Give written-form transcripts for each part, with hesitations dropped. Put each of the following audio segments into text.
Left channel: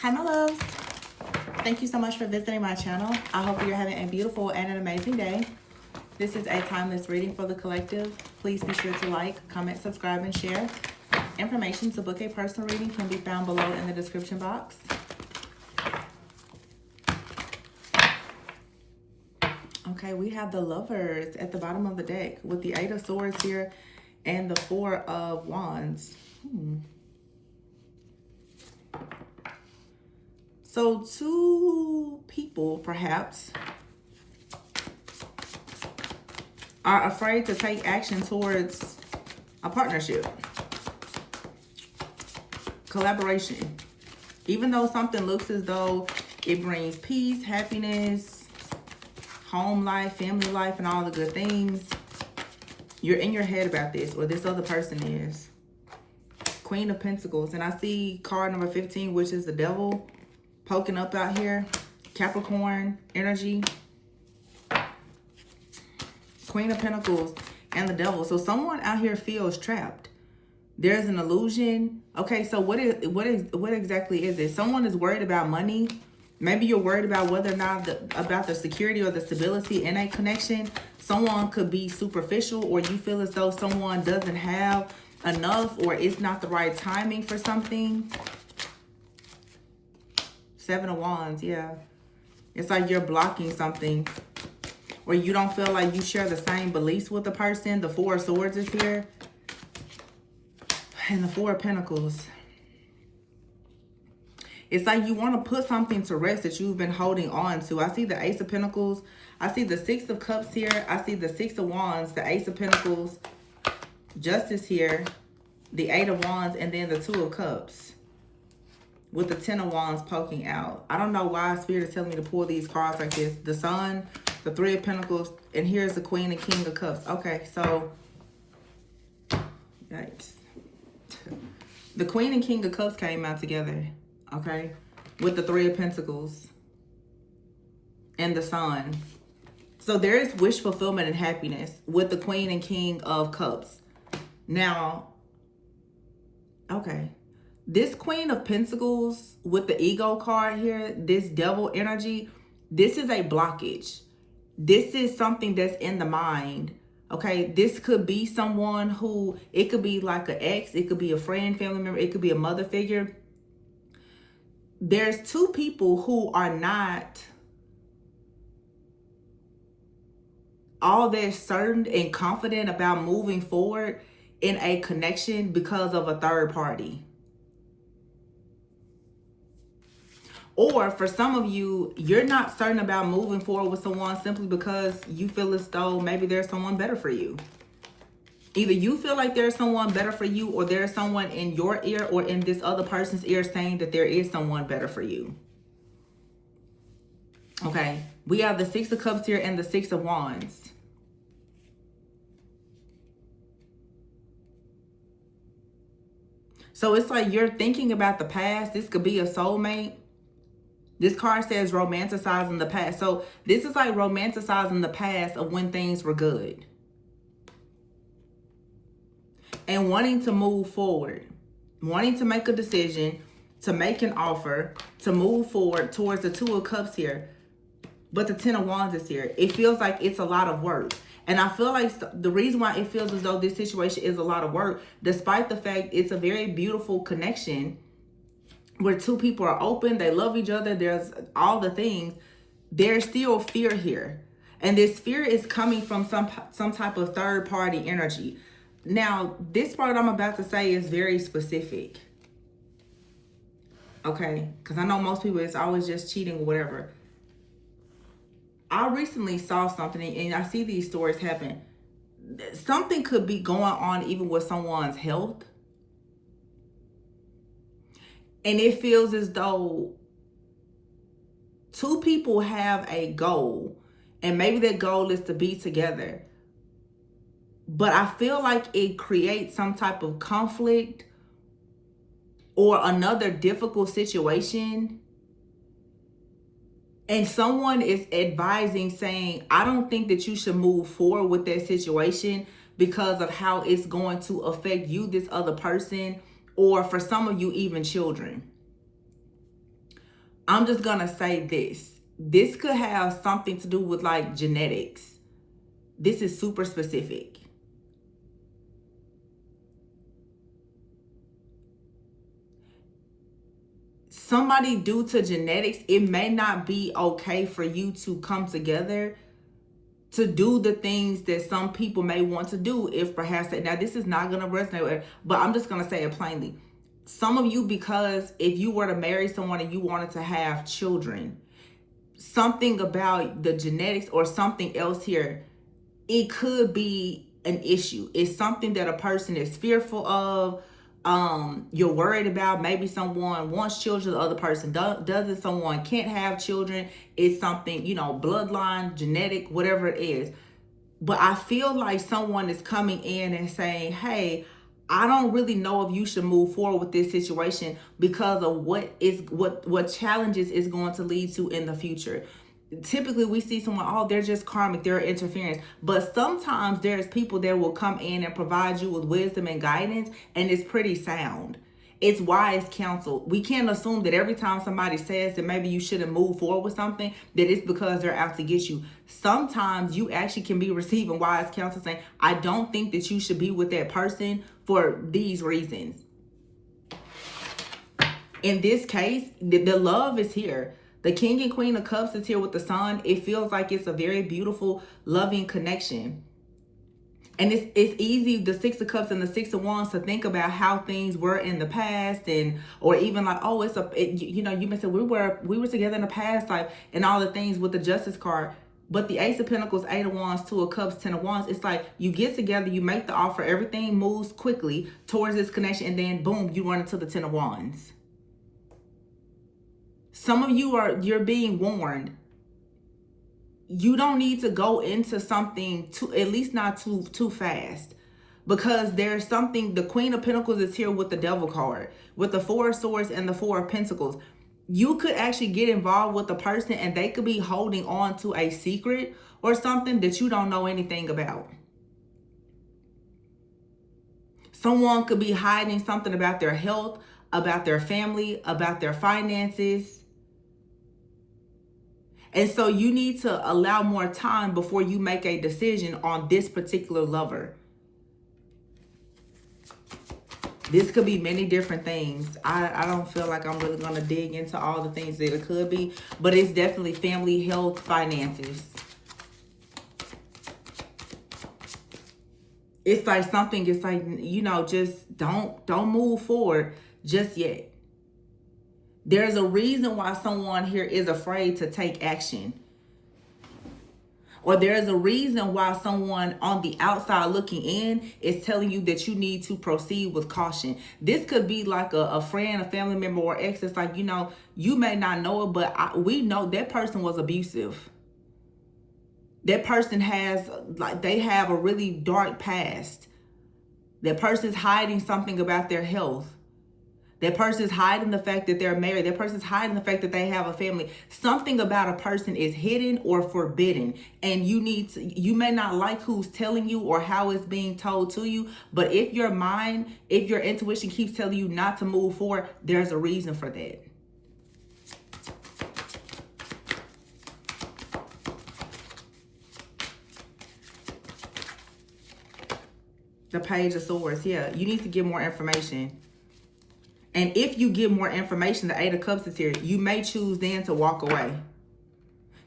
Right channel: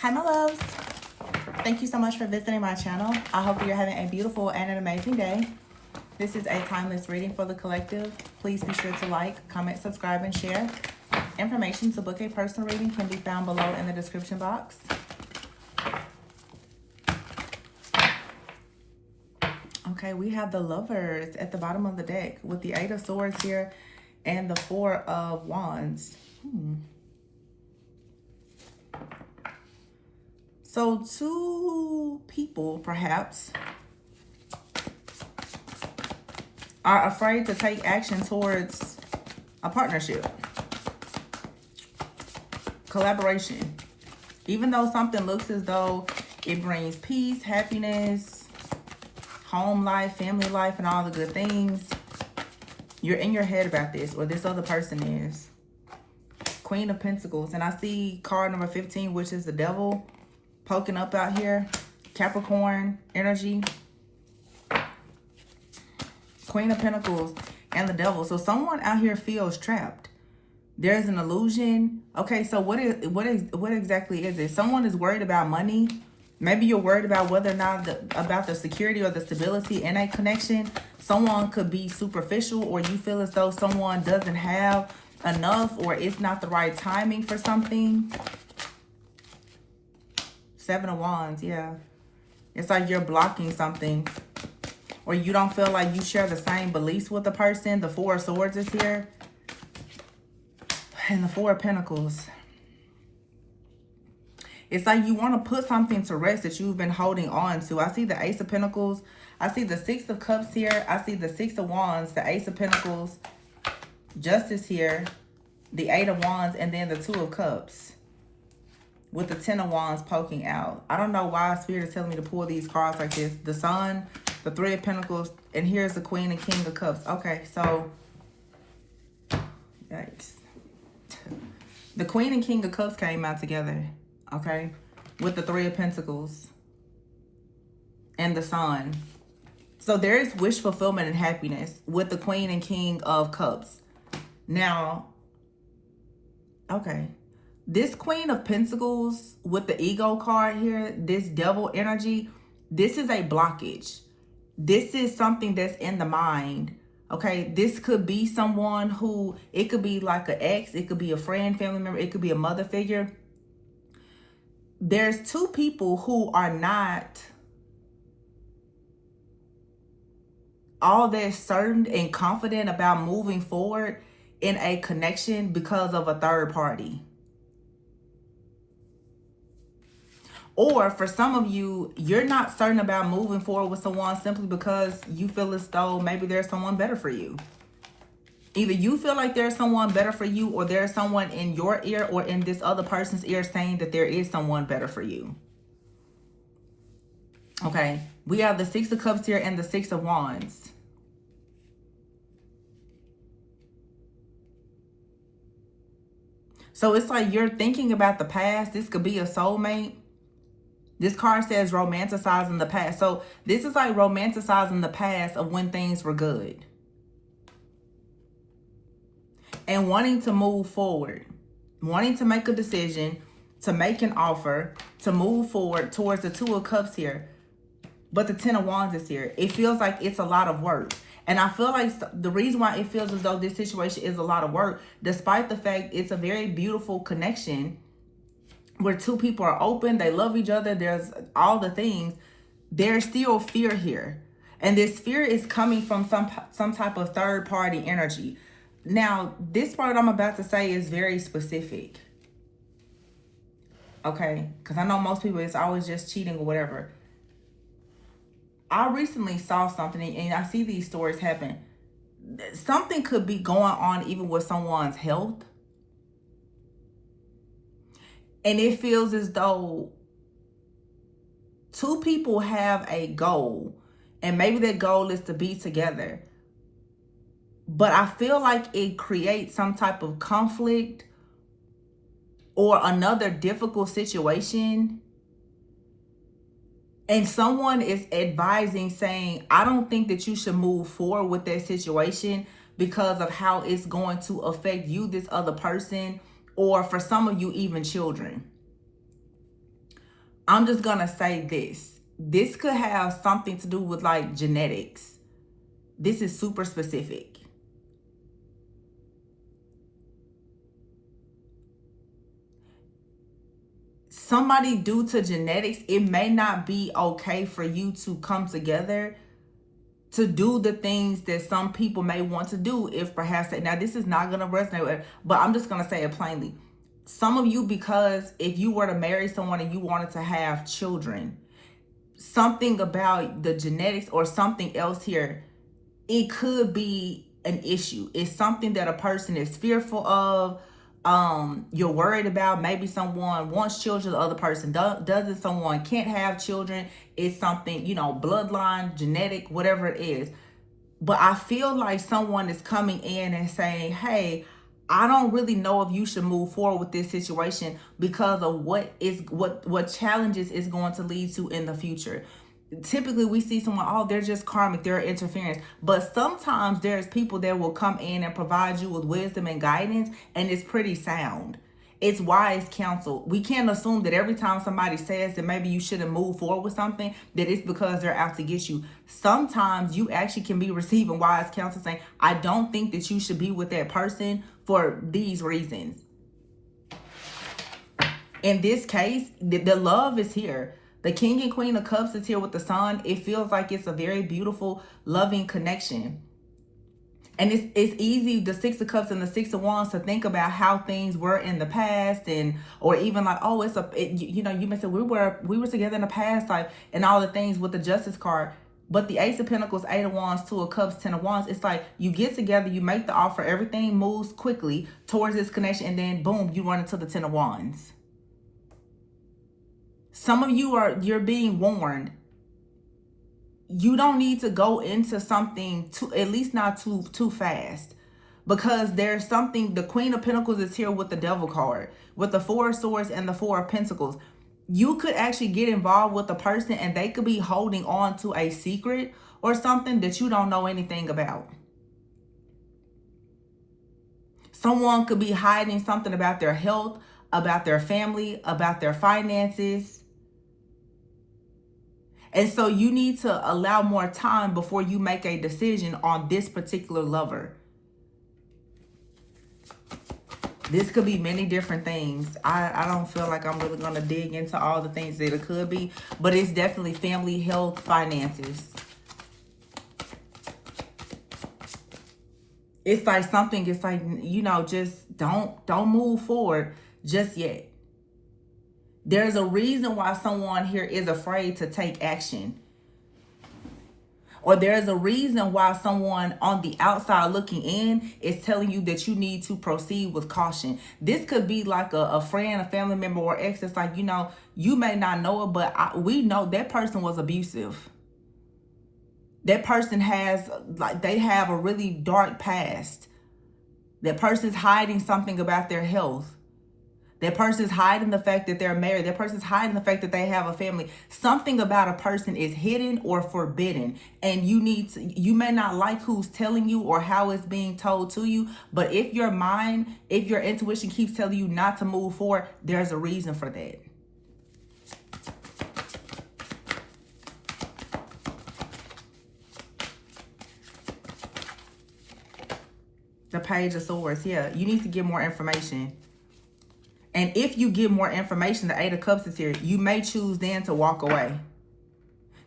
Hi, my loves. Thank you so much for visiting my channel. I hope you're having a beautiful and an amazing day. This is a timeless reading for the collective. Please be sure to like, comment, subscribe, and share. Information to book a personal reading can be found below in the description box. Okay, we have the Lovers at the bottom of the deck with the Eight of Swords here and the Four of Wands. So two people, perhaps, are afraid to take action towards a partnership, collaboration. Even though something looks as though it brings peace, happiness, home life, family life, and all the good things, you're in your head about this, or this other person is. Queen of Pentacles. And I see card number 15, which is the Devil, poking up out here. Capricorn energy. Queen of Pentacles and the Devil. So someone out here feels trapped. There's an illusion. Okay, so what exactly is it? Someone is worried about money. Maybe you're worried about whether or not about the security or the stability in a connection. Someone could be superficial, or you feel as though someone doesn't have enough, or it's not the right timing for something. Seven of Wands, yeah. It's like you're blocking something, or you don't feel like you share the same beliefs with the person. The Four of Swords is here. And the Four of Pentacles. It's like you want to put something to rest that you've been holding on to. I see the Ace of Pentacles. I see the Six of Cups here. I see the Six of Wands, the Ace of Pentacles, Justice here, the Eight of Wands, and then the Two of Cups with the Ten of Wands poking out. I don't know why Spirit is telling me to pull these cards like this. The Sun, the Three of Pentacles, and here's the Queen and King of Cups. Okay, so, yikes. The Queen and King of Cups came out together, okay, with the Three of Pentacles and the Sun. So there is wish fulfillment and happiness with the Queen and King of Cups. Now, okay, this Queen of Pentacles with the Ego card here, this Devil energy, this is a blockage. This is something that's in the mind. Okay, this could be someone who, it could be like an ex, it could be a friend, family member, it could be a mother figure. There's two people who are not all that certain and confident about moving forward in a connection because of a third party. Or for some of you, you're not certain about moving forward with someone simply because you feel as though maybe there's someone better for you. Either you feel like there's someone better for you, or there's someone in your ear or in this other person's ear saying that there is someone better for you. Okay, we have the Six of Cups here and the Six of Wands. So it's like you're thinking about the past. This could be a soulmate. This card says romanticizing the past. So this is like romanticizing the past of when things were good. And wanting to move forward. Wanting to make a decision, to make an offer, to move forward towards the Two of Cups here. But the Ten of Wands is here. It feels like it's a lot of work. And I feel like the reason why it feels as though this situation is a lot of work, despite the fact it's a very beautiful connection where two people are open, they love each other, there's all the things, there's still fear here. And this fear is coming from some type of third party energy. Now, this part I'm about to say is very specific. Okay, because I know most people, it's always just cheating or whatever. I recently saw something, and I see these stories happen. Something could be going on even with someone's health. And it feels as though two people have a goal, and maybe their goal is to be together. But I feel like it creates some type of conflict or another difficult situation. And someone is advising, saying, I don't think that you should move forward with that situation because of how it's going to affect you, this other person, or for some of you, even children. I'm just going to say this. This could have something to do with like genetics. This is super specific. Somebody, due to genetics, it may not be okay for you to come together to do the things that some people may want to do. If perhaps now this is not going to resonate with, but I'm just going to say it plainly. Some of you, because if you were to marry someone and you wanted to have children, something about the genetics or something else here, it could be an issue. It's something that a person is fearful of. You're worried about. Maybe someone wants children, the other person doesn't. Someone can't have children. It's something, bloodline, genetic, whatever it is. But I feel like someone is coming in and saying, hey, I don't really know if you should move forward with this situation because of what challenges is going to lead to in the future. Typically we see someone, they're just karmic, they're interference. But sometimes there's people that will come in and provide you with wisdom and guidance, and it's pretty sound. It's wise counsel. We can't assume that every time somebody says that maybe you shouldn't move forward with something, that it's because they're out to get you. Sometimes you actually can be receiving wise counsel saying, I don't think that you should be with that person for these reasons. In this case, the love is here. The King and Queen of Cups is here with the Sun. It feels like it's a very beautiful, loving connection. And it's easy, the Six of Cups and the Six of Wands, to think about how things were in the past, or even like, you may say we were together in the past, like, and all the things with the Justice card. But the Ace of Pentacles, Eight of Wands, Two of Cups, Ten of Wands, it's like you get together, you make the offer, everything moves quickly towards this connection, and then boom, you run into the Ten of Wands. Some of you you're being warned. You don't need to go into something at least not too fast, because there's something. The Queen of Pentacles is here with the Devil card, with the Four of Swords and the Four of Pentacles. You could actually get involved with a person and they could be holding on to a secret or something that you don't know anything about. Someone could be hiding something about their health, about their family, about their finances. And so you need to allow more time before you make a decision on this particular lover. This could be many different things. I don't feel like I'm really going to dig into all the things that it could be, but it's definitely family, health, finances. It's like something, it's like, just don't move forward just yet. There's a reason why someone here is afraid to take action. Or there's a reason why someone on the outside looking in is telling you that you need to proceed with caution. This could be like a friend, a family member, or ex. It's like, you may not know it, but we know that person was abusive. That person they have a really dark past. That person's hiding something about their health. That person's hiding the fact that they're married. That person's hiding the fact that they have a family. Something about a person is hidden or forbidden. And you may not like who's telling you or how it's being told to you. But if your intuition keeps telling you not to move forward, there's a reason for that. The Page of Swords. Yeah, you need to get more information. And if you get more information, the Eight of Cups is here, you may choose then to walk away.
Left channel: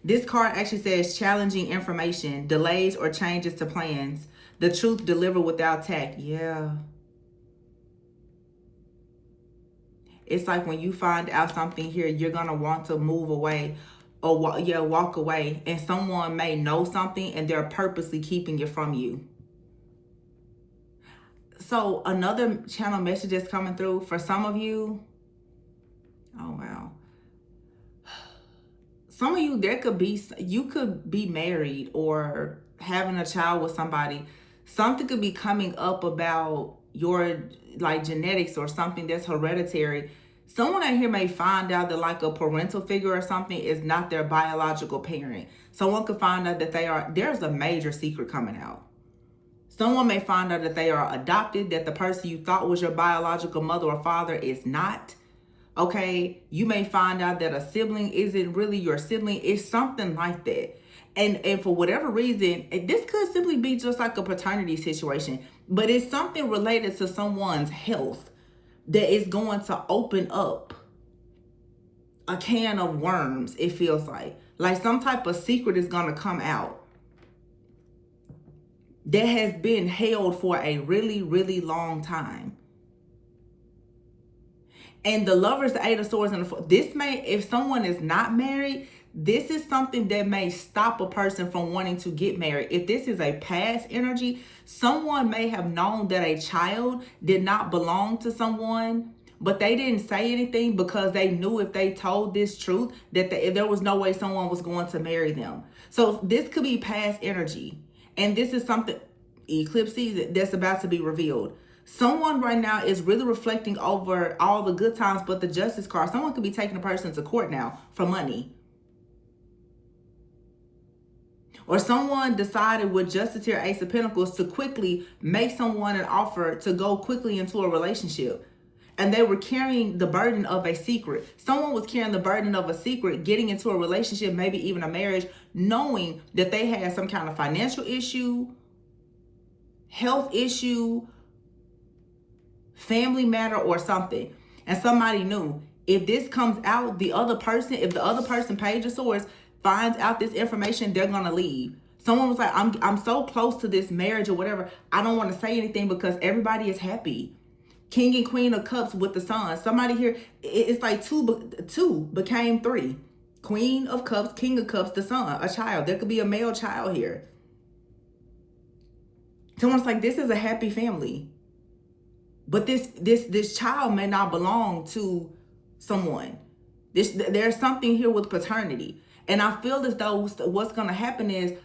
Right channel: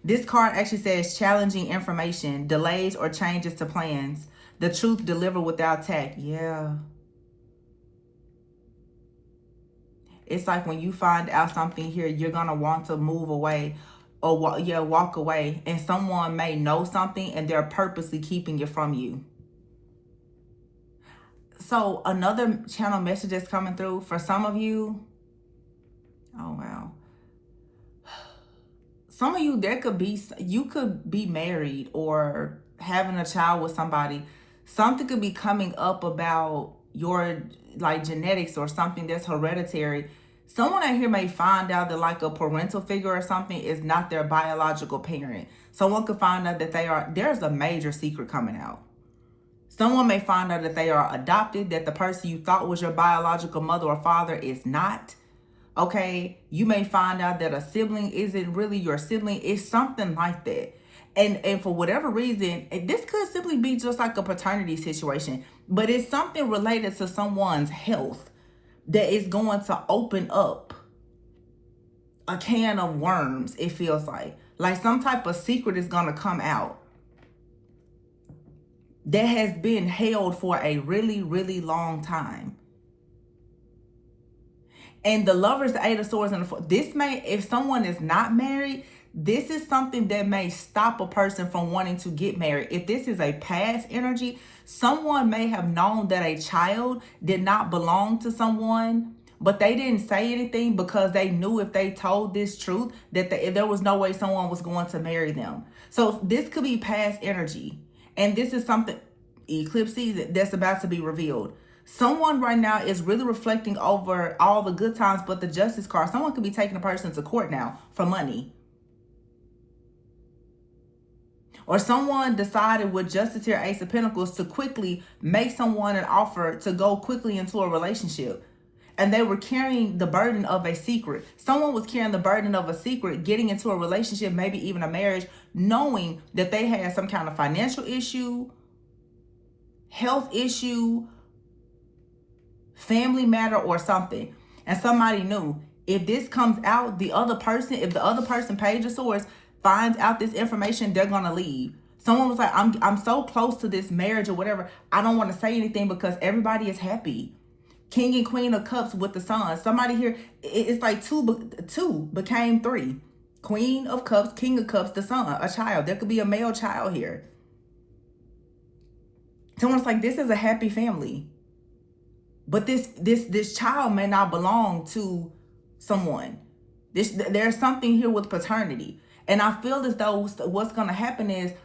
This card actually says challenging information, delays or changes to plans, the truth delivered without tact. Yeah. It's like when you find out something here, you're going to want to move away or walk away. And someone may know something and they're purposely keeping it from you. So another channel message that's coming through for some of you. Oh, wow. Some of you, you could be married or having a child with somebody. Something could be coming up about your genetics or something that's hereditary. Someone out here may find out that a parental figure or something is not their biological parent. Someone could find out that there's a major secret coming out. Someone may find out that they are adopted, that the person you thought was your biological mother or father is not. Okay, you may find out that a sibling isn't really your sibling. It's something like that. And for whatever reason, this could simply be just like a paternity situation, but it's something related to someone's health that is going to open up a can of worms. It feels like some type of secret is going to come out that has been held for a really, really long time. And the Lovers, the Eight of Swords, and this may, if someone is not married, this is something that may stop a person from wanting to get married. If this is a past energy, someone may have known that a child did not belong to someone, but they didn't say anything because they knew if they told this truth that there was no way someone was going to marry them. So this could be past energy. And this is something, eclipse season, that's about to be revealed. Someone right now is really reflecting over all the good times, but the Justice card, someone could be taking a person to court now for money. Or someone decided with Justice here, Ace of Pentacles, to quickly make someone an offer to go quickly into a relationship. And they were carrying the burden of a secret. Someone was carrying the burden of a secret, getting into a relationship, maybe even a marriage, knowing that they had some kind of financial issue, health issue, family matter, or something. And somebody knew if this comes out, the other person, if the other person, Page of Swords, finds out this information, they're going to leave. Someone was like, I'm so close to this marriage or whatever, I don't want to say anything because everybody is happy. King and Queen of Cups with the Sun. Somebody here, it's like two became three. Queen of Cups, King of Cups, the Sun, a child. There could be a male child here. Someone's like, this is a happy family. But this child may not belong to someone. There's something here with paternity. And I feel as though what's going to happen is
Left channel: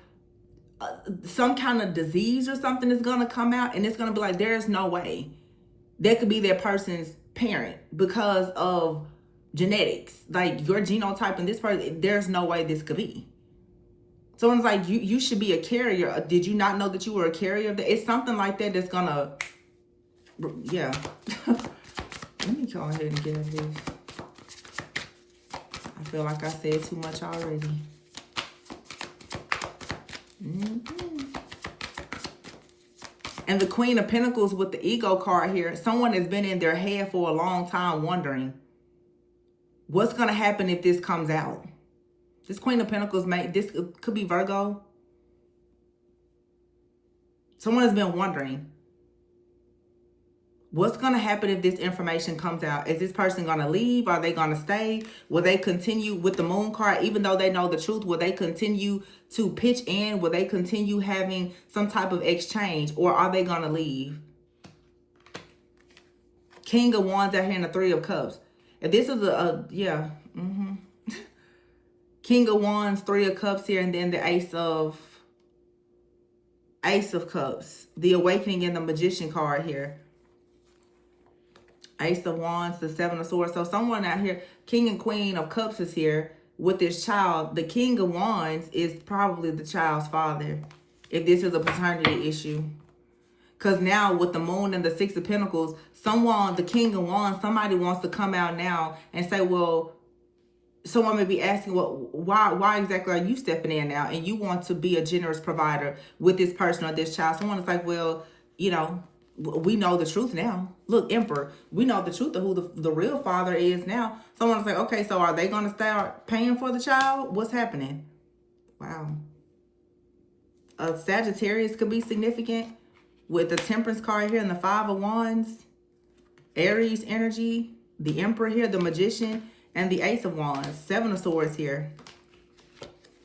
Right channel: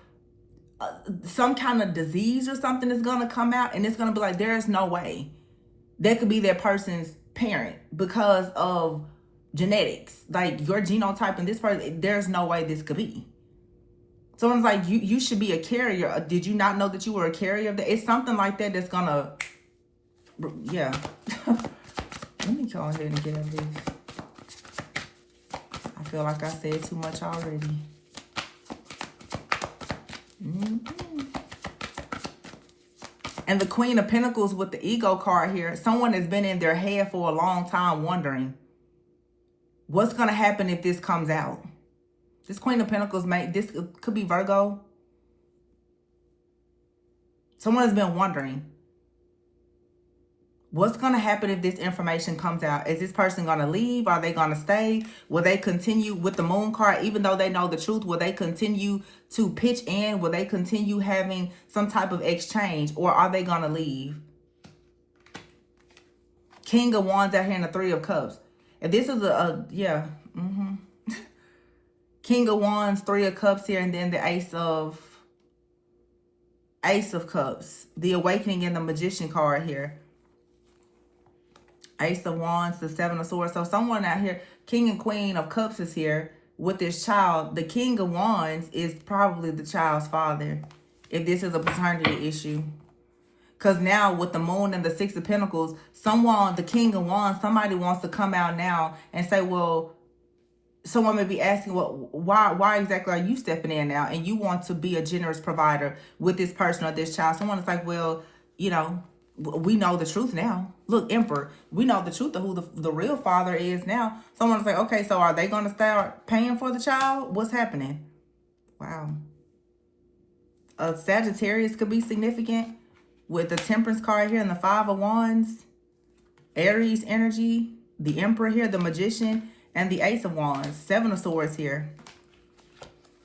some kind of disease or something is going to come out. And it's going to be like, there's no way that could be that person's parent because of genetics. Like your genotype and this person, there's no way this could be. Someone's like, you should be a carrier. Did you not know that you were a carrier? It's something like that that's going to... Yeah. Let me go ahead and get out of this. I feel like I said too much already. And the Queen of Pentacles with the Ego card here. Someone has been in their head for a long time wondering what's going to happen if this comes out. This Queen of Pentacles, this could be Virgo. Someone has been wondering what's going to happen if this information comes out. Is this person going to leave? Are they going to stay? Will they continue with the Moon card? Even though they know the truth, will they continue to pitch in? Will they continue having some type of exchange? Or are they going to leave? King of Wands out here and the Three of Cups. And this is yeah. King of Wands, Three of Cups here, and then the Ace of Cups. The Awakening and the Magician card here. Ace of Wands, the Seven of Swords. So someone out here, King and Queen of Cups is here with this child. The King of Wands is probably the child's father, if this is a paternity issue. Because now with the Moon and the Six of Pentacles, the King of Wands, somebody wants to come out now and say, well, someone may be asking, well, why exactly are you stepping in now? And you want to be a generous provider with this person or this child. Someone is like, well, you know, we know the truth now. Look, Emperor, we know the truth of who the real father is now. Someone's like, okay, so are they going to start paying for the child? What's happening? Wow. Sagittarius could be significant with the Temperance card here and the Five of Wands. Aries energy, the Emperor here, the Magician, and the Ace of Wands. Seven of Swords here.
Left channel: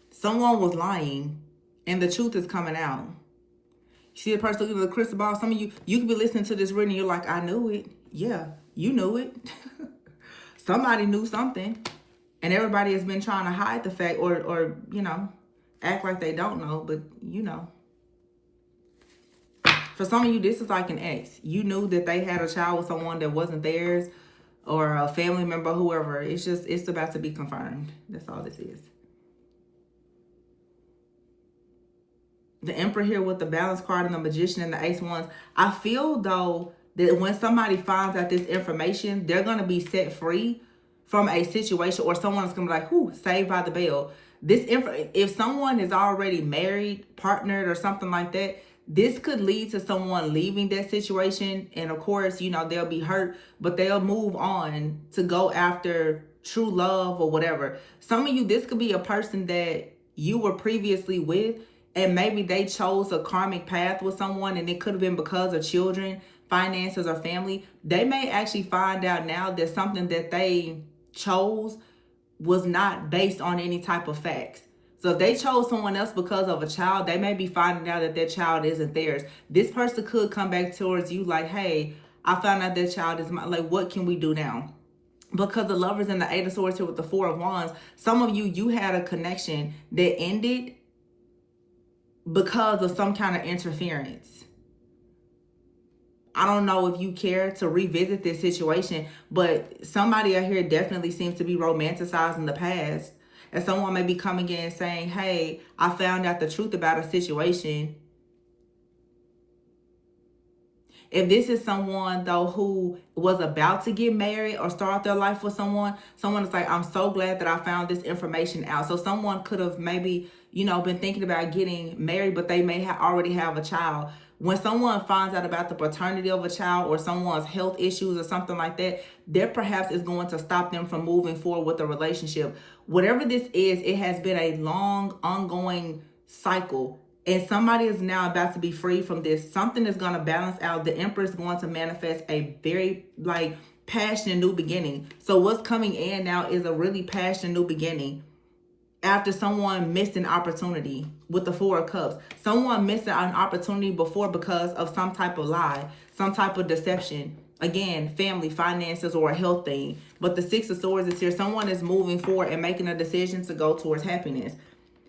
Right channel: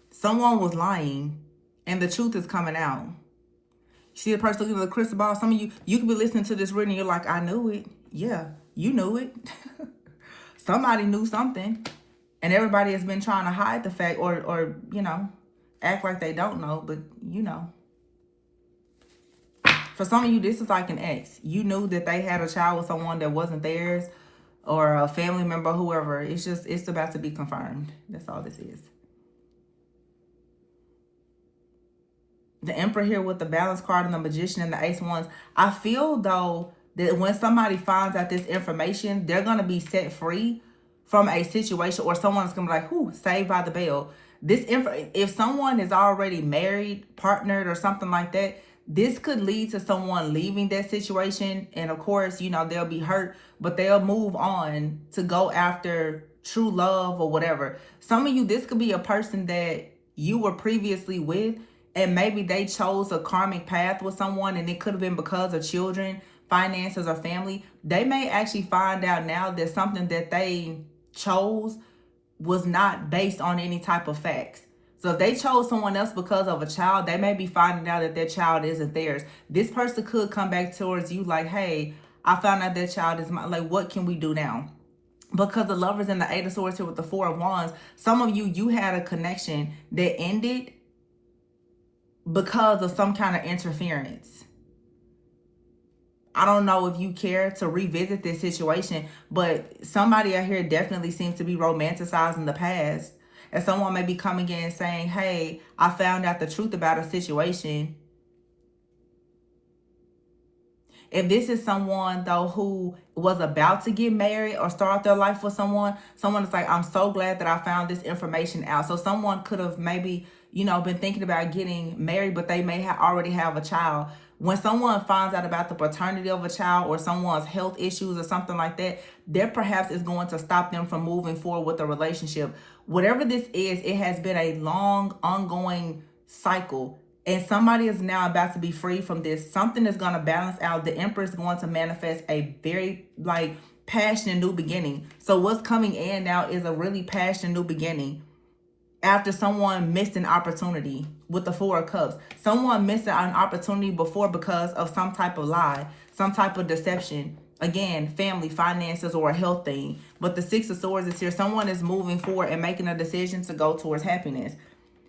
Someone was lying and the truth is coming out. See the person looking at the crystal ball? Some of you could be listening to this reading, you're like, I knew it. Yeah, you knew it. Somebody knew something. And everybody has been trying to hide the fact or, you know, act like they don't know, but you know. For some of you, this is like an ex. You knew that they had a child with someone that wasn't theirs or a family member, whoever. It's about to be confirmed. That's all this is. The Emperor here with the Balance card and the Magician and the Ace of Wands. I feel, though, that when somebody finds out this information, they're going to be set free from a situation, or someone is going to be like, whoo, saved by the bell. If someone is already married, partnered, or something like that, this could lead to someone leaving that situation. And of course, they'll be hurt, but they'll move on to go after true love or whatever. Some of you, this could be a person that you were previously with, and maybe they chose a karmic path with someone, and it could have been because of children, finances, or family. They may actually find out now that something that they chose was not based on any type of facts. So if they chose someone else because of a child, they may be finding out that that child isn't theirs. This person could come back towards you like, hey, I found out that child is mine. Like, what can we do now? Because the Lovers and the Eight of Swords here with the Four of Wands, some of you had a connection that ended because of some kind of interference. I don't know if you care to revisit this situation, but somebody out here definitely seems to be romanticizing the past. And someone may be coming in and saying, hey, I found out the truth about a situation. If this is someone, though, who was about to get married or start their life with someone is like, I'm so glad that I found this information out. So someone could have maybe, been thinking about getting married, but they may already have a child. When someone finds out about the paternity of a child or someone's health issues or something like that perhaps is going to stop them from moving forward with a relationship. Whatever this is, it has been a long, ongoing cycle. And somebody is now about to be free from this. Something is going to balance out. The Emperor is going to manifest a very, passionate new beginning. So what's coming in now is a really passionate new beginning. After someone missed an opportunity with the Four of Cups. Someone missed an opportunity before because of some type of lie, some type of deception. Again, family, finances, or a health thing. But the Six of Swords is here. Someone is moving forward and making a decision to go towards happiness.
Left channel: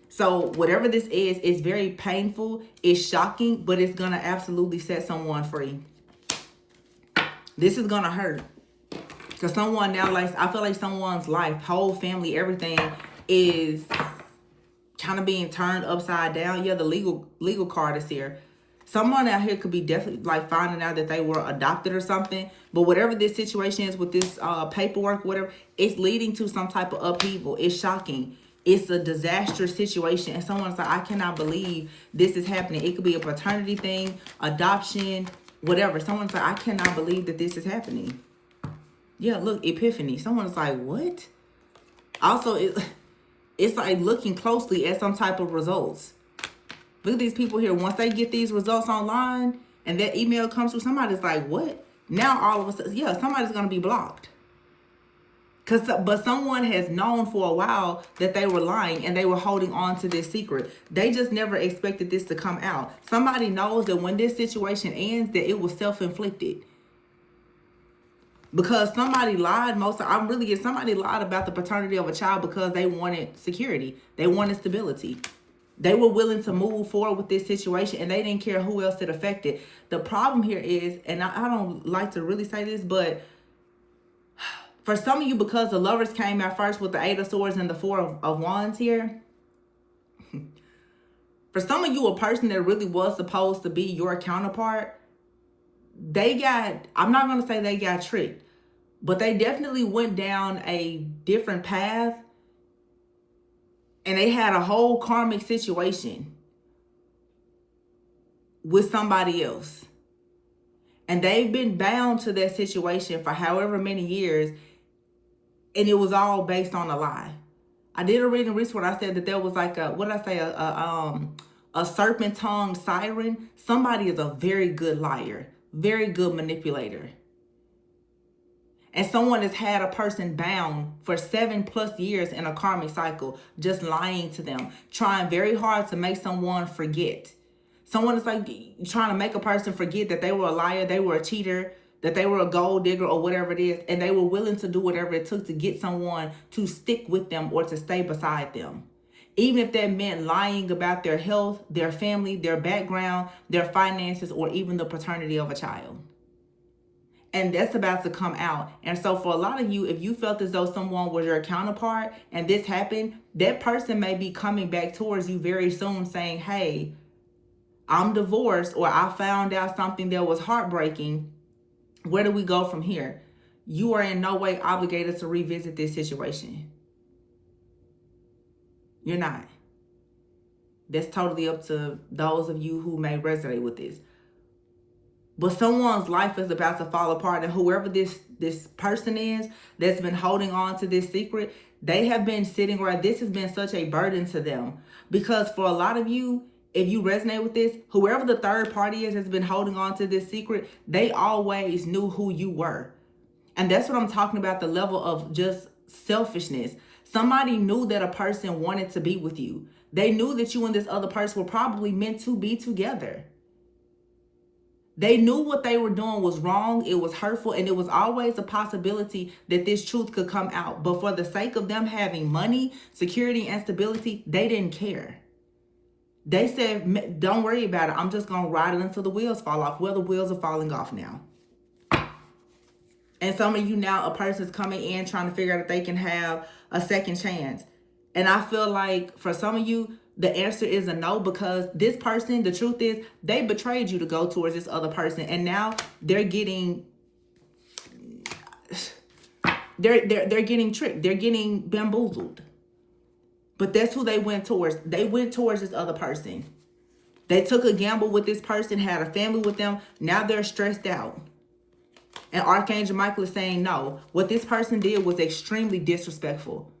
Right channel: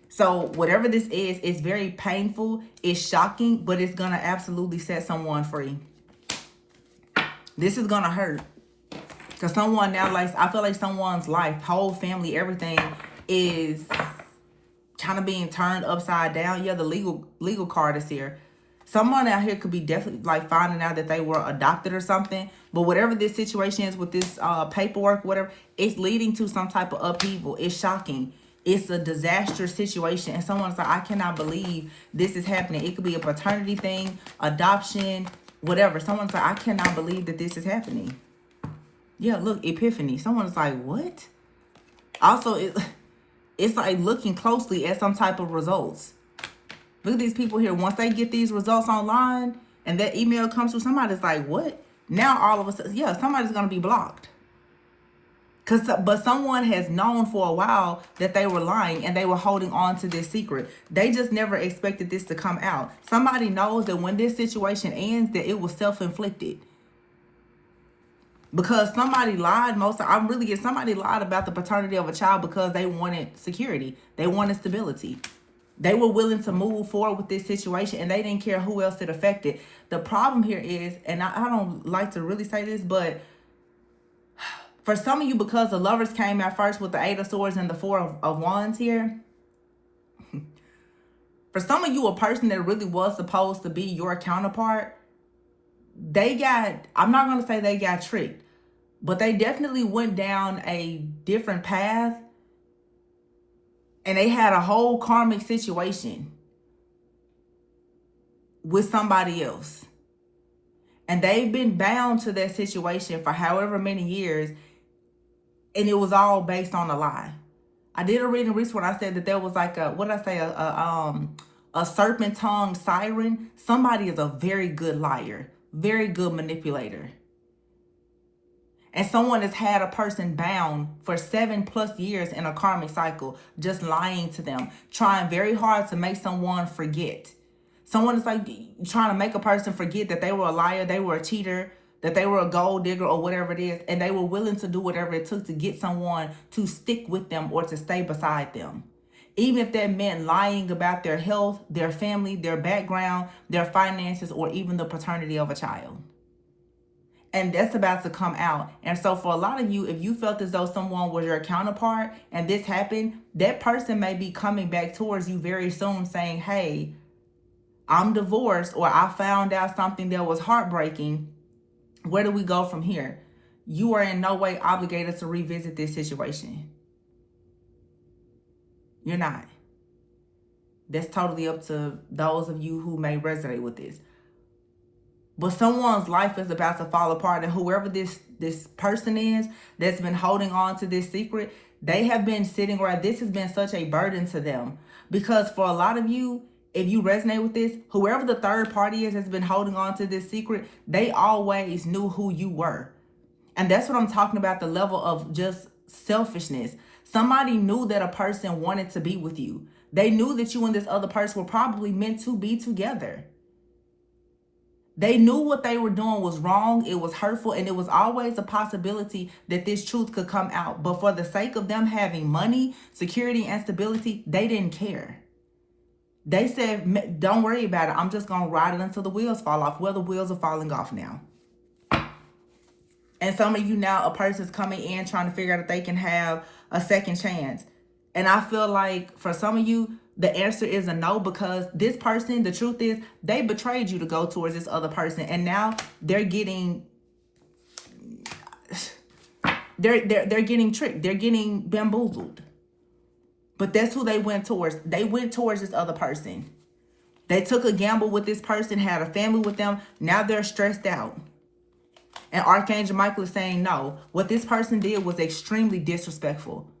So whatever this is, it's very painful, it's shocking, but it's going to absolutely set someone free. This is going to hurt. Because someone now, I feel like someone's life, whole family, everything is kind of being turned upside down. Yeah, the legal card is here. Someone out here could be definitely finding out that they were adopted or something. But whatever this situation is with this paperwork, whatever, it's leading to some type of upheaval. It's shocking. It's a disastrous situation. And someone's like, I cannot believe this is happening. It could be a paternity thing, adoption, whatever. Someone's like, I cannot believe that this is happening. Yeah, look, epiphany. Someone's like, what? Also, it's like looking closely at some type of results. Look at these people here. Once they get these results online and that email comes through, somebody's like, what? Now all of a sudden, yeah, somebody's going to be blocked. But someone has known for a while that they were lying and they were holding on to this secret. They just never expected this to come out. Somebody knows that when this situation ends, that it was self-inflicted. Because somebody lied somebody lied about the paternity of a child because they wanted security. They wanted stability. They were willing to move forward with this situation and they didn't care who else it affected. The problem here is, and I don't like to really say this, but for some of you, because the Lovers came out first with the Eight of Swords and the Four of Wands here, for some of you, a person that really was supposed to be your counterpart, I'm not going to say they got tricked, but they definitely went down a different path and they had a whole karmic situation with somebody else. And they've been bound to that situation for however many years. And it was all based on a lie. I did a reading recently where I said that there was a serpent-tongued siren. Somebody is a very good liar, very good manipulator. And someone has had a person bound for 7+ years in a karmic cycle, just lying to them, trying very hard to make someone forget. Someone is trying to make a person forget that they were a liar, they were a cheater, that they were a gold digger or whatever it is, and they were willing to do whatever it took to get someone to stick with them or to stay beside them. Even if that meant lying about their health, their family, their background, their finances, or even the paternity of a child. And that's about to come out. And so for a lot of you, if you felt as though someone was your counterpart and this happened, that person may be coming back towards you very soon saying, hey, I'm divorced, or I found out something that was heartbreaking. Where do we go from here? you are in no way obligated to revisit this situation. You're not. That's totally up to those of you who may resonate with this. But someone's life is about to fall apart, and whoever this person is that's been holding on to this secret, they have been sitting where this has been such a burden to them. Because for a lot of you, if you resonate with this, whoever the third party is that's been holding on to this secret, they always knew who you were. And that's what I'm talking about, the level of just selfishness. Somebody knew that a person wanted to be with you. They knew that you and this other person were probably meant to be together. They knew what they were doing was wrong, it was hurtful, and it was always a possibility that this truth could come out. But for the sake of them having money, security, and stability, they didn't care. They said, don't worry about it. I'm just going to ride it until the wheels fall off. Well, the wheels are falling off now. And some of you now, a person's coming in trying to figure out if they can have a second chance. And I feel like for some of you, the answer is a no, because this person, the truth is, they betrayed you to go towards this other person. And now they're getting, they're getting tricked. They're getting bamboozled. But that's who they went towards. They went towards this other person. They took a gamble with this person, had a family with them. Now they're stressed out. And Archangel Michael is saying no. What this person did was extremely disrespectful.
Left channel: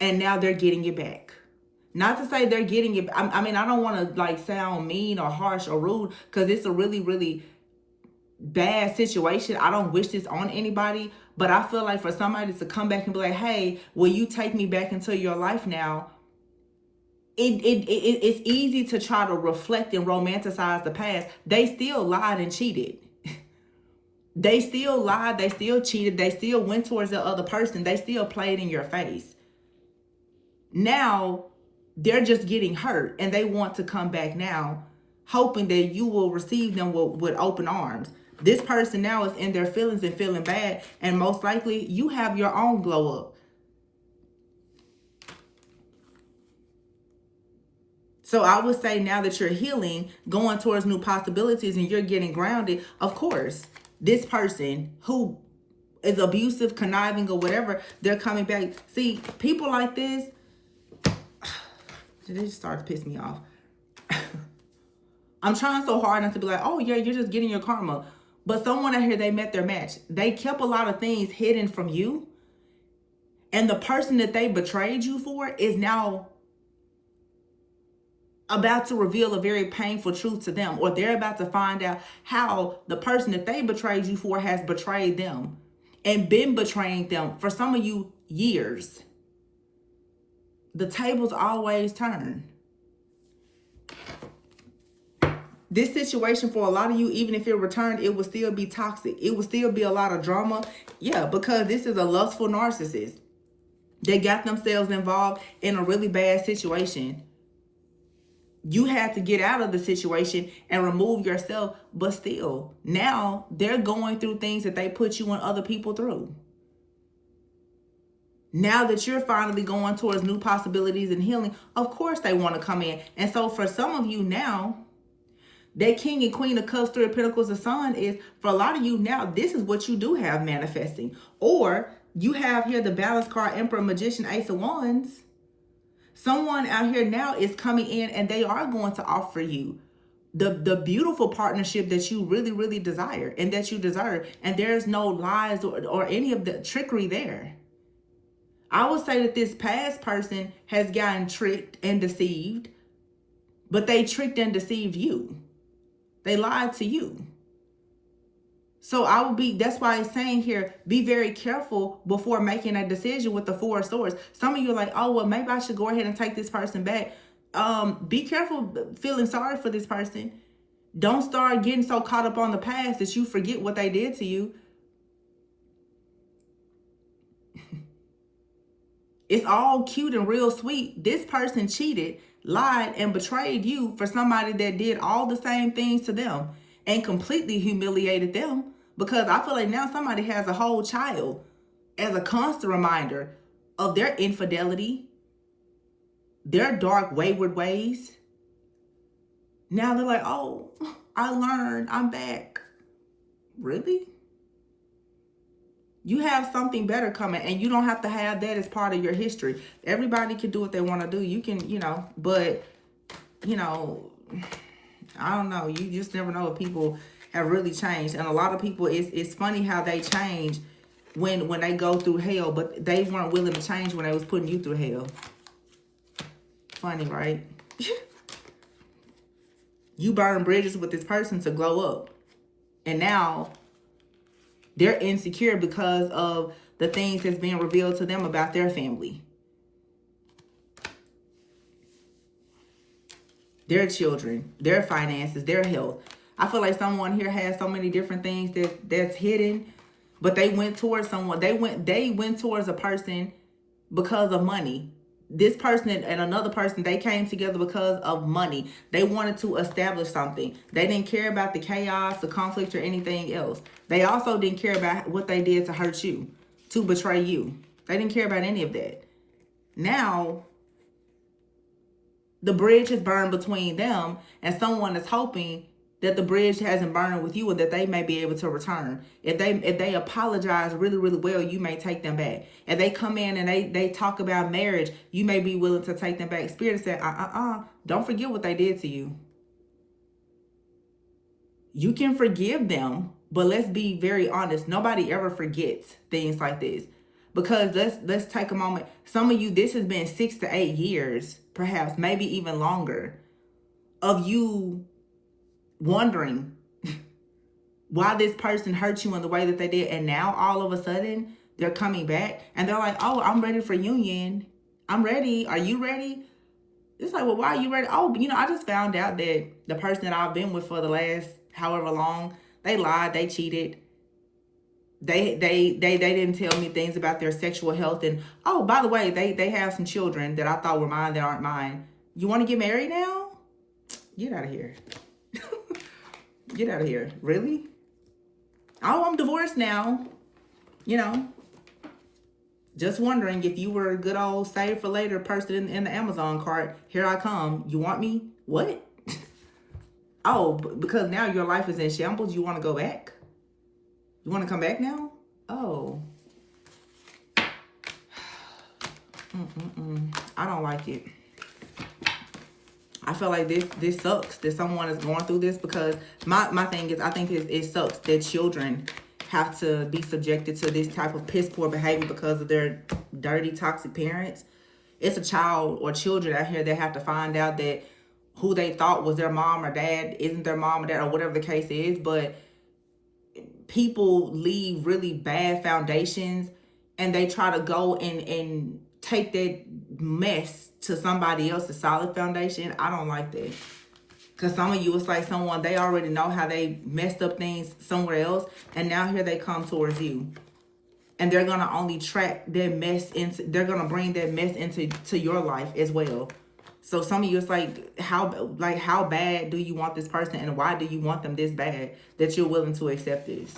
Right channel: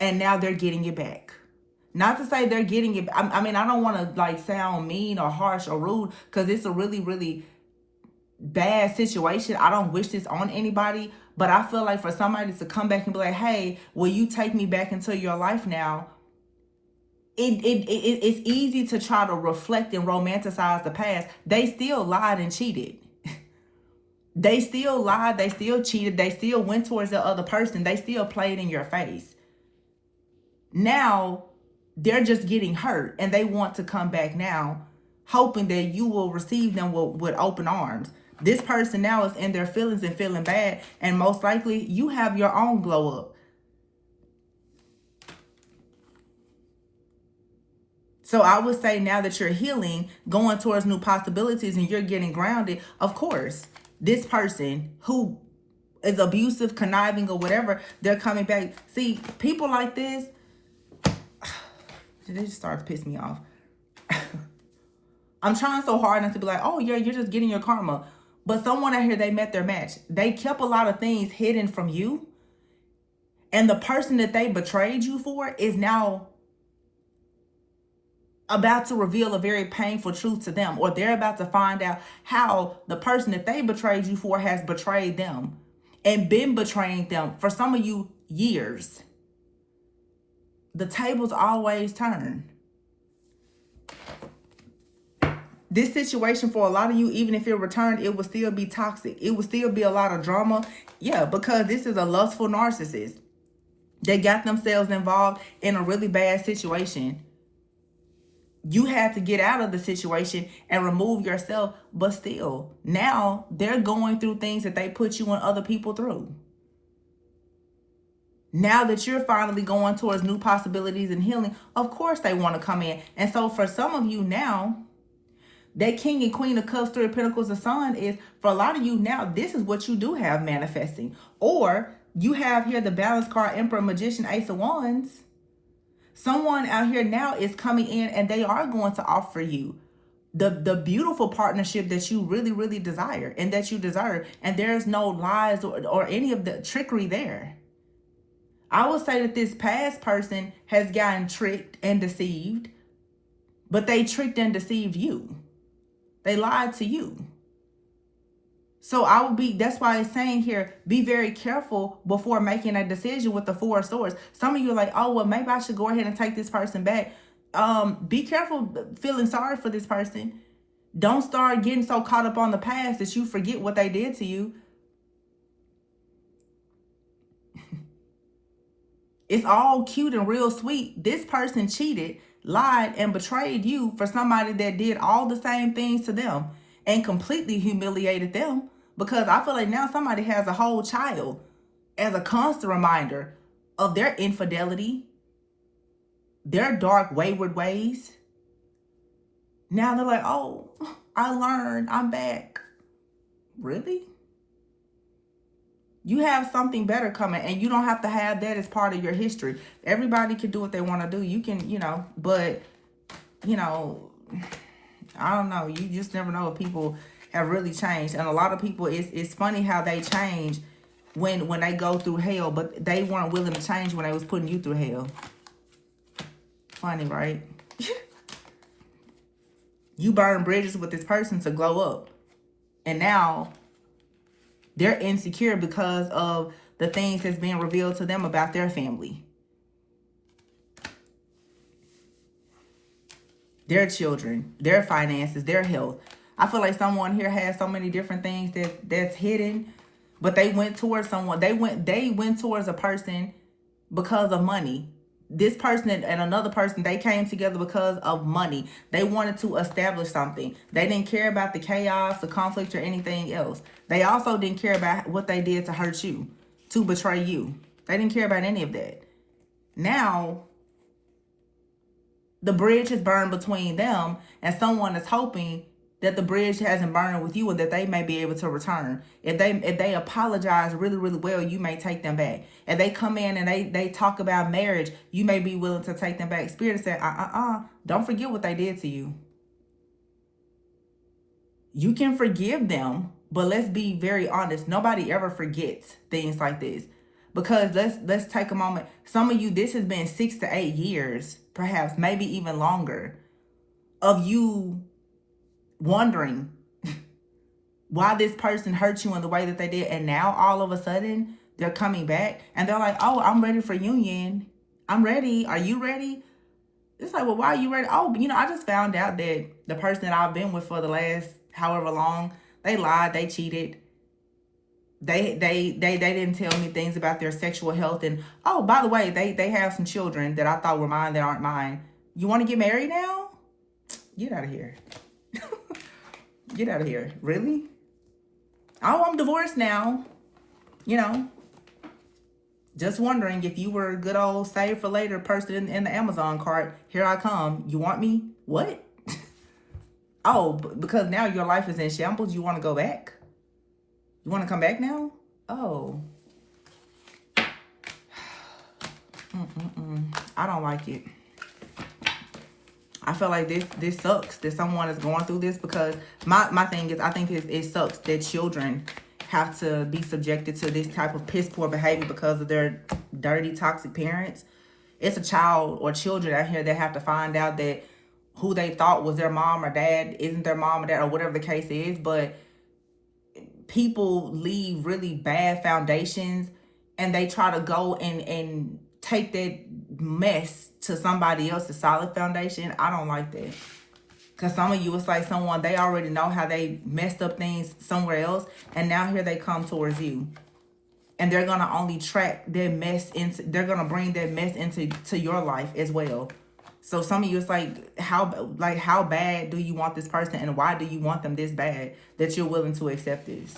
And now they're getting it back. Not to say they're getting it. I mean, I don't want to like sound mean or harsh or rude, because it's a really, really bad situation. I don't wish this on anybody. But I feel like for somebody to come back and be like, hey, will you take me back into your life now? It's easy to try to reflect and romanticize the past. They still lied and cheated. They still lied. They still cheated. They still went towards the other person. They still played in your face. Now they're just getting hurt, and they want to come back now, hoping that you will receive them with open arms. This person now is in their feelings and feeling bad, and most likely you have your own glow up. So I would say now that you're healing, going towards new possibilities, and you're getting grounded, of course, this person who is abusive, conniving, or whatever, they're coming back. See, people like this, they just start to piss me off. I'm trying so hard not to be like, oh yeah, you're just getting your karma. But someone out here, they met their match. They kept a lot of things hidden from you. And the person that they betrayed you for is now about to reveal a very painful truth to them. Or they're about to find out how the person that they betrayed you for has betrayed them. And been betraying them for some of you years. The tables always turn. This situation for a lot of you, even if it returned, it would still be toxic. It would still be a lot of drama. Yeah, because this is a lustful narcissist. They got themselves involved in a really bad situation. You had to get out of the situation and remove yourself, but still, now they're going through things that they put you and other people through. Now that you're finally going towards new possibilities and healing, of course they want to come in. And so for some of you now, that King and Queen of Cups, Three of Pentacles, the Sun is, for a lot of you now, this is what you do have manifesting. Or you have here the Balance card, Emperor, Magician, Ace of Wands. Someone out here now is coming in and they are going to offer you the beautiful partnership that you really, really desire and that you deserve. And there's no lies or any of the trickery there. I would say that this past person has gotten tricked and deceived, but they tricked and deceived you. They lied to you. So that's why it's saying here, be very careful before making a decision with the Four of Swords. Some of you are like, oh, well, maybe I should go ahead and take this person back. Be careful feeling sorry for this person. Don't start getting so caught up on the past that you forget what they did to you. It's all cute and real sweet. This person cheated, lied, and betrayed you for somebody that did all the same things to them and completely humiliated them, because I feel like now somebody has a whole child as a constant reminder of their infidelity, their dark, wayward ways. Now they're like, oh, I learned, I'm back. Really? You have something better coming, and you don't have to have that as part of your history. Everybody can do what they want to do. You can, but, you know, I don't know. You just never know if people have really changed. And a lot of people, it's funny how they change when they go through hell, but they weren't willing to change when they was putting you through hell. Funny, right? You burn bridges with this person to glow up. And now they're insecure because of the things that's being revealed to them about their family, their children, their finances, their health. I feel like someone here has so many different things that's hidden, but they went towards someone. They went towards a person because of money. This person and another person, they came together because of money. They wanted to establish something. They didn't care about the chaos, the conflict, or anything else. They also didn't care about what they did to hurt you, to betray you. They didn't care about any of that. Now, the bridge is burned between them, and someone is hoping that the bridge hasn't burned with you and that they may be able to return. If they apologize really, really well, you may take them back. If they come in and they talk about marriage, you may be willing to take them back. Spirit said, don't forget what they did to you. You can forgive them, but let's be very honest. Nobody ever forgets things like this. Because let's take a moment. Some of you, this has been 6 to 8 years, perhaps, maybe even longer, of you wondering why this person hurt you in the way that they did. And now all of a sudden they're coming back and they're like, oh, I'm ready for union. I'm ready. Are you ready? It's like, well, why are you ready? Oh, I just found out that the person that I've been with for the last however long, they lied, they cheated. They didn't tell me things about their sexual health. And, oh, by the way, they have some children that I thought were mine that aren't mine. You want to get married now? Get out of here. Get out of here. Really? Oh, I'm divorced now. Just wondering if you were a good old save for later person in the Amazon cart. Here I come. You want me? What? Oh, because now your life is in shambles. You want to go back? You want to come back now? Oh. I don't like it. I feel like this sucks that someone is going through this, because my thing is, I think it sucks that children have to be subjected to this type of piss poor behavior because of their dirty, toxic parents. It's a child or children out here that have to find out that who they thought was their mom or dad isn't their mom or dad, or whatever the case is. But people leave really bad foundations and they try to go and take that mess to somebody else's solid foundation. I don't like that. Because some of you, it's like someone, they already know how they messed up things somewhere else, and now here they come towards you. And they're going to only track their mess into, they're going to bring their mess into your life as well. So some of you, it's like how bad do you want this person, and why do you want them this bad that you're willing to accept this?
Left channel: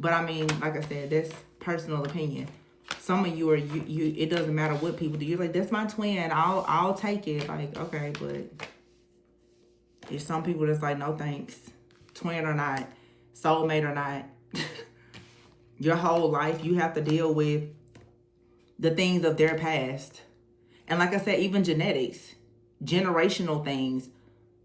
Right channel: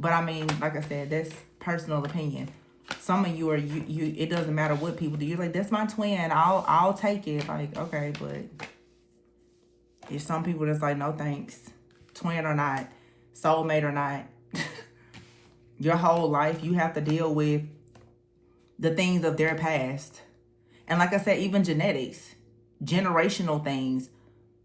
But I mean, like I said, that's personal opinion. Some of you are you. It doesn't matter what people do. You're like, that's my twin. I'll take it. Like, okay, but if some people that's like, no thanks, twin or not, soulmate or not, your whole life you have to deal with the things of their past. And like I said, even genetics, generational things,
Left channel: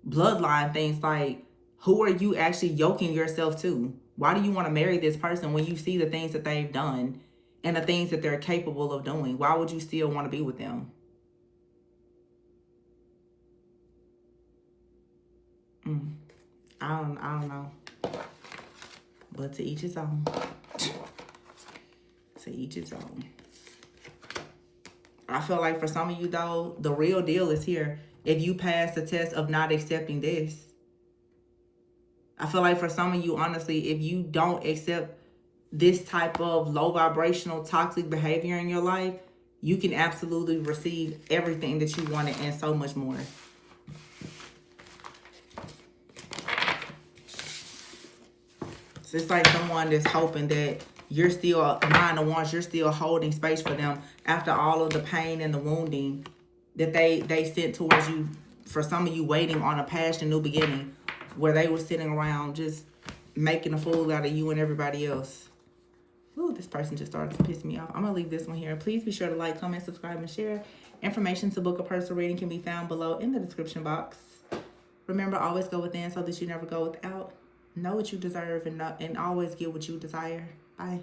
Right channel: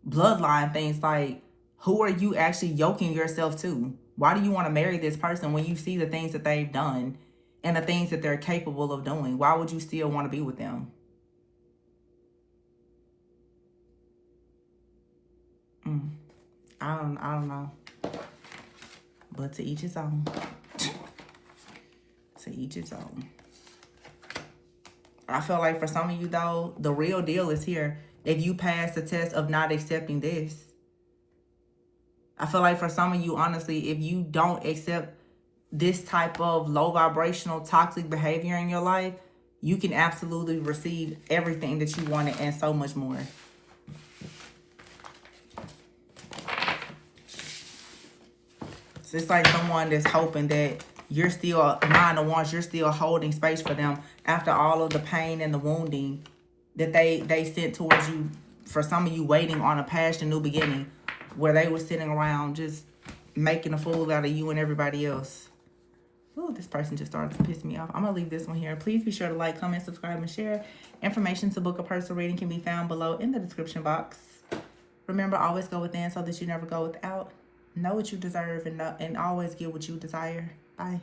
bloodline things, like, who are you actually yoking yourself to? Why do you want to marry this person when you see the things that they've done and the things that they're capable of doing? Why would you still want to be with them? I don't know. But to each his own. To each his own. I feel like for some of you, though, the real deal is here. If you pass the test of not accepting this, I feel like for some of you, honestly, if you don't accept this type of low vibrational toxic behavior in your life, you can absolutely receive everything that you wanted and so much more. So it's like someone that's hoping that you're still 9-1, you're still holding space for them after all of the pain and the wounding that they sent towards you. For some of you, waiting on a past and new beginning, where they were sitting around just making a fool out of you and everybody else. Ooh, this person just started to piss me off. I'm going to leave this one here. Please be sure to like, comment, subscribe, and share. Information to book a personal reading can be found below in the description box. Remember, always go within so that you never go without. Know what you deserve and always get what you desire. Bye.